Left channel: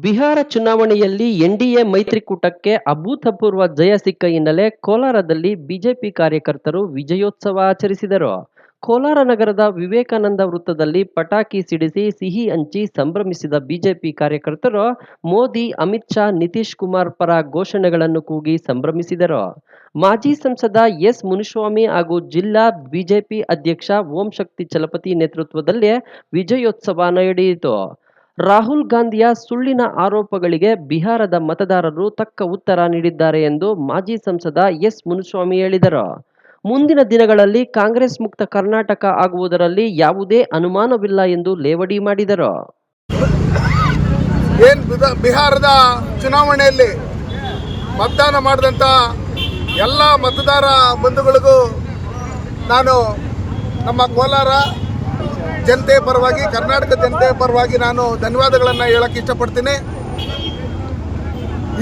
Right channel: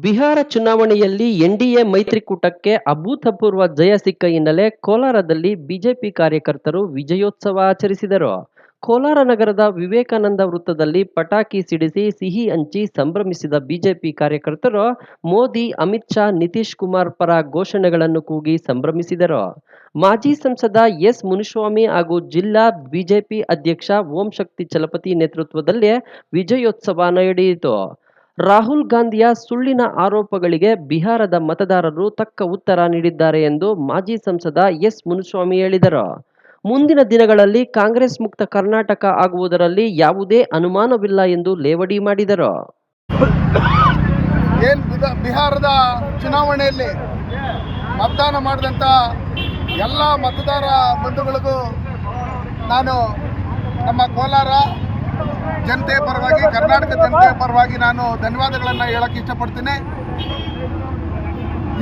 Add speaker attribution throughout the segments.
Speaker 1: ಬಿಹಾರ ಚುನಾವಣೆಯಲ್ಲಿ ಎನ್ಡಿಎ ಮೈತ್ರಿಕೂಟಕ್ಕೆ ಅಭೂತಪೂರ್ವ ಜಯ ಸಿಕ್ಕ ಹಿನ್ನೆಲೆ ಕೋಲಾರದಲ್ಲಿ ಬಿಜೆಪಿ ಕಾರ್ಯಕರ್ತರು ವಿಜಯೋತ್ಸವ ಆಚರಿಸಿದರು. ಕೋಲಾರ ನಗರದ ವಿವೇಕಾನಂದ ವೃತ್ತದಲ್ಲಿ ಪಟಾಕಿ ಸಿಡಿಸಿ ಸಿಹಿ ಹಂಚಿ ಸಂಭ್ರಮಿಸಿದ ಬಿಜೆಪಿ ಕಾರ್ಯಕರ್ತರು, ಮೋದಿ, ಅಮಿತ್ ಶಾ, ನಿತೀಶ್ ಕುಮಾರ್ ಪರ ಘೋಷಣೆಗಳನ್ನು ಕೂಗಿ ಸಂಭ್ರಮಿಸಿದರು. ಮಾಜಿ ಸಂಸದ ಎಸ್ ಮುನಿಸ್ವಾಮಿ ಹಾಗೂ ಜಿಲ್ಲಾ ಬಿಜೆಪಿ ಅಧ್ಯಕ್ಷ ಓಂ ಶಕ್ತಿ ಚಲಪತಿ ನೇತೃತ್ವದಲ್ಲಿ ವಿಜಯೋತ್ಸವ ನಡೆಯಿತು. ರಾಹುಲ್ ಗಾಂಧಿಯ ಸುಳ್ಳಿನ ಆರೋಪಗಳಿಗೆ ಬಿಹಾರದ ಮತದಾರರು ತಕ್ಕ ಉತ್ತರ ನೀಡಿದ್ದಾರೆ ಎಂದು ಮಾಜಿ ಸಂಸದ ಎಸ್ ಮುನಿಸ್ವಾಮಿ ಹೇಳಿದರು. ಮುಂದಿನ ದಿನಗಳಲ್ಲಿ ಕಾಂಗ್ರೆಸ್ ಮುಕ್ತ ಕರ್ನಾಟಕ ಆಗುವುದರಲ್ಲಿ ಯಾವುದೇ ಅನುಮಾನವಿಲ್ಲ ಎಂದು ಲೇವಡಿ ಮಾಡಿದರು.
Speaker 2: ಏನು ಬಿಹಾರದ ಚುನಾವಣೆಯಲ್ಲಿ ಮತದಾನ ಮಾಡಿದಂಥ ಎಲ್ಲ ಮತದಾರ ಬಂಧುಗಳಿಗೂ ನಾನು ನಮ್ಮ ಕೋಲಾರ ಜನತೆ ಪರವಾಗಿ, ಕರ್ನಾಟಕ ಜನತೆ ಪರವಾಗಿ ನಾನು ಧನ್ಯವಾದಗಳನ್ನು ಹೇಳಕ್ಕೆ ಇಷ್ಟಪಡ್ತೀನಿ.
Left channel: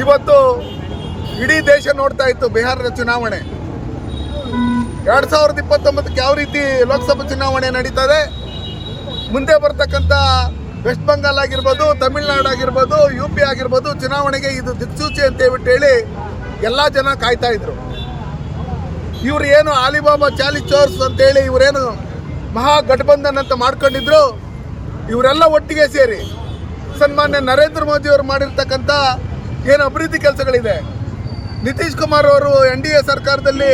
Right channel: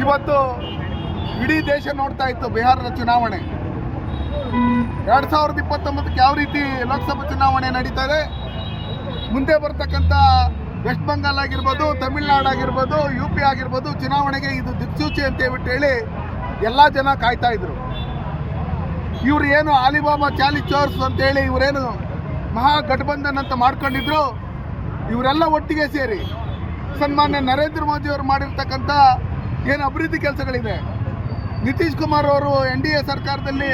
Speaker 2: ಇವತ್ತು ಇಡೀ ದೇಶ ನೋಡ್ತಾ ಇತ್ತು ಬಿಹಾರದ ಚುನಾವಣೆ. ಎರಡು ಸಾವಿರದ ಇಪ್ಪತ್ತೊಂಬತ್ತಕ್ಕೆ ಯಾವ ರೀತಿ ಲೋಕಸಭಾ ಚುನಾವಣೆ ನಡೀತದೆ? ಮುಂದೆ ಬರ್ತಕ್ಕಂಥ ವೆಸ್ಟ್ ಬೆಂಗಾಲ್ ಆಗಿರ್ಬೋದು, ತಮಿಳ್ನಾಡು ಆಗಿರ್ಬೋದು, ಯು ಪಿ ಆಗಿರ್ಬೋದು, ಚುನಾವಣೆಗೆ ಇದು ದಿಕ್ಸೂಚಿ ಅಂತ ಹೇಳ್ಬಿಟ್ಟು ಹೇಳಿ ಎಲ್ಲ ಜನ ಕಾಯ್ತಾ ಇದ್ರು. ಇವ್ರು ಏನು ಆಲಿಬಾಬಾ ಚಾಲಿ ಚೋರ್ಸ್ ಅಂತೇಳಿ ಇವರೇನು ಮಹಾಗಠಬಂಧನ್ ಅಂತ ಮಾಡ್ಕೊಂಡಿದ್ರು. ಇವರೆಲ್ಲ ಒಟ್ಟಿಗೆ ಸೇರಿ ಸನ್ಮಾನ್ಯ ನರೇಂದ್ರ ಮೋದಿ ಅವರು ಮಾಡಿರ್ತಕ್ಕಂಥ ಏನು ಅಭಿವೃದ್ಧಿ ಕೆಲಸಗಳಿದೆ. ನಿತೀಶ್ ಕುಮಾರ್ ಅವರು ಎನ್ ಡಿ ಎ ಸರ್ಕಾರದಲ್ಲಿ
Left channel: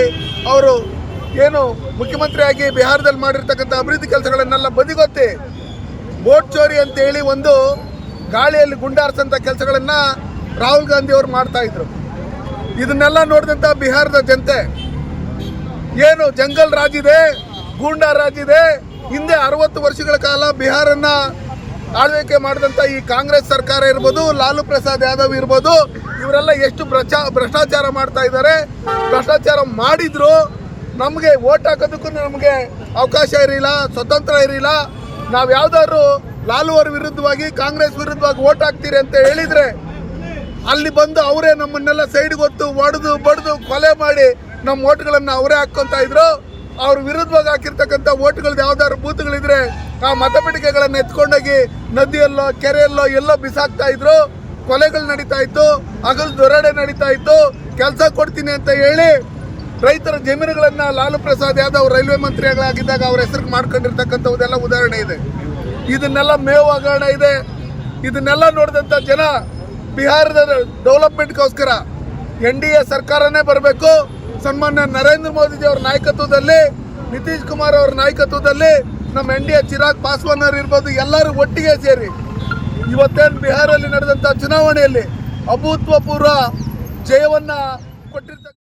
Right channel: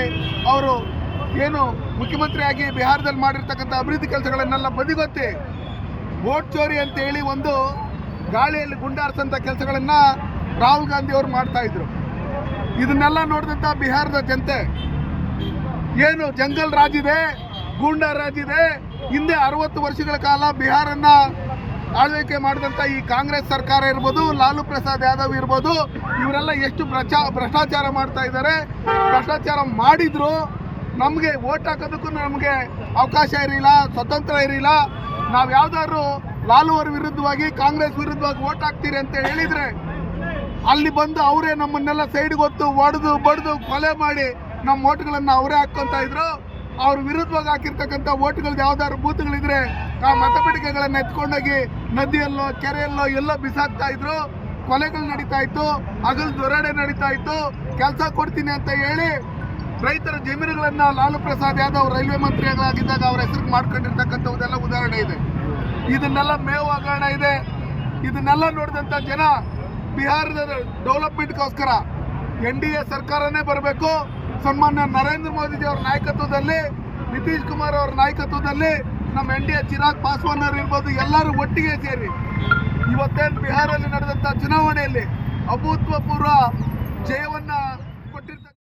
Speaker 2: ಅವರು ಏನು ಮುಖ್ಯಮಂತ್ರಿಯಾಗಿ ಬಿಹಾರದಲ್ಲಿ ಮಾಡಿರ್ತಕ್ಕಂಥ ಅಭಿವೃದ್ಧಿ ಕೆಲಸಗಳನ್ನೆಲ್ಲ ಬದಿಗೊತ್ತಿ ವೋಟ್ ಚೋರಿ ಅಂತ ಹೇಳಿ ಒಂದು ಗಾಳಿಯಲ್ಲಿ ಗುಂಡಾರಿಸಂಥ ಕೆಲಸಗಳನ್ನು ರಾಹುಲ್ ಗಾಂಧಿ ಅವರು ಮಾಡ್ತಾ ಇದ್ರು. ಇದನ್ನೆಲ್ಲ ನೋಡಿದಂಥ ಬಿಹಾರದ ಜನತೆ, ಏನು ಜಂಗಲ್ ರಾಜ್ ಇದೆ, ಗೂಂಡಾ ರಾಜ್ ಇದೆ, ಹಿಂದೆ ಅರವತ್ತು ವರ್ಷಗಳ ಕಾಲ ಬಿಹಾರನ್ನ ಆಳ್ವಿಕೆ ಮಾಡಿದಂಥ ಈ ಕಾಂಗ್ರೆಸ್ ಸರ್ಕಾರ ಇರ್ಬೋದು, ಲಾಲು ಪ್ರಸಾದ್ ಯಾದವ್ ಇರ್ಬೋದು, ಇವರೆಲ್ಲ ಎಷ್ಟು ಭ್ರಷ್ಟಾಚಾರ ಮಾಡ್ತಾ ಇದ್ದಾರೆ. ಭ್ರಷ್ಟಾಚಾರ ಮಾಡಿದ್ರು, ನಮಗೆ ಓಟ್ ಹಾಕೋದಕ್ಕೂ ನಮಗೆ ಅವಕಾಶ ಇರಲಿಲ್ಲ, ಸ್ವತಂತ್ರ ಇರಲಿಲ್ಲ. ನಾವು ಯಾವ್ದಾದ್ರು ಲಾಲು ಅವ್ರ ವಿರುದ್ಧವಾಗಿ, ಕಾಂಗ್ರೆಸ್ ವಿರುದ್ಧವಾಗಿ ಓಟ್ ಹಾಕ್ತೀರಿ ಅಂತ ಹೇಳಿದ್ರೆ, ಅಲ್ಲಿ ಬಂದು ಅವರೇ ನಮ್ಮನ್ನೆಲ್ಲ ಸೈಡ್ಗೆ ಹೊತ್ತು ಒಡೆದು, ಬಡ್ದು ಕೊಲೆ ಮಾಡಿ ನಮ್ಮ ಓಟ್ಗಳನ್ನು ಅವರೇ ಹಾಕ್ಕೊತಾ ಇದ್ರು. ಅವ್ರ ವಿರುದ್ಧವಾಗಿ ಹಾಕಿರ್ತಕ್ಕಂಥ ಓಟ್ಗಳದ್ದು ಯಾವ್ದಾದ್ರು ಬೂತ್ಗಳಿದ್ರೆ ಆ ಮತಪೆಟ್ಟಿಗೆಗಳನ್ನು ಎತ್ಕೊಂಡೋಗಿ ನದಿಯಲ್ಲೋ, ಕೆರೆಯಲ್ಲೋ ಎಲ್ಲೋ ಬಿಸಾಕ್ತಾ ಇದ್ರು, ಕೊಲೆಗಳು ನಡೀತಾ ಇತ್ತು, ಹಗಲು ದೊರಡೆ ನಡೀತಾ ಇತ್ತು, ಕೆಲಸ ಕೊಡ್ತೀನಿ ಅಂತ ಹೇಳಿ ರೈತರ ಜಮೀನುಗಳನ್ನ ಲಾಲು ಪ್ರಸಾದ್ ಯಾದವ್ ರೈಲ್ವೆ ಮಂತ್ರಿಗಳಾಗಿದ್ದಾಗ ಅವ್ರ ಹೆಸರು ಮಾಡ್ಕೊಂಡಿರ್ತಕ್ಕಂಥದ್ದೆಲ್ಲ ಉದಾಹರಣೆ ಇದೆ. ಇದನ್ನೆಲ್ಲ ಮೇವು ಹಗರಣ ಇದೆ. ಇದನ್ನೆಲ್ಲ ನೋಡಿದಂಥ ಜನ ಬಿಹಾರದ ಡೆವಲಪ್ಮೆಂಟ್ಗೋಸ್ಕರ ಎನ್ ಡಿ ಎ ಸರ್ಕಾರನೇ ಬರಬೇಕು. ಸನ್ಮಾನ್ಯ ನರೇಂದ್ರ ಮೋದಿಜಿ ಅವರ ನಾಯಕತ್ವದಲ್ಲಿ, ನಿತೀಶ್ ಕುಮಾರ್ ಅವರ ನಾಯಕತ್ವದಲ್ಲಿ ನಮ್ಮ N D A Chirag Paswan ಅವರು ಇರ್ಬೋದು, ಎಲ್ಲರೂ ಒಟ್ಟಿಗೆ ಸೇರಿ ಇವತ್ತೇನು ಬಿಹಾರಲ್ಲಿ ನಡೆದಂಥ ಚುನಾವಣೆಯಲ್ಲಿ ಅಭೂತಪೂರ್ವ ಜಯವನ್ನು ಕೊಟ್ಟಿರ್ತಕ್ಕ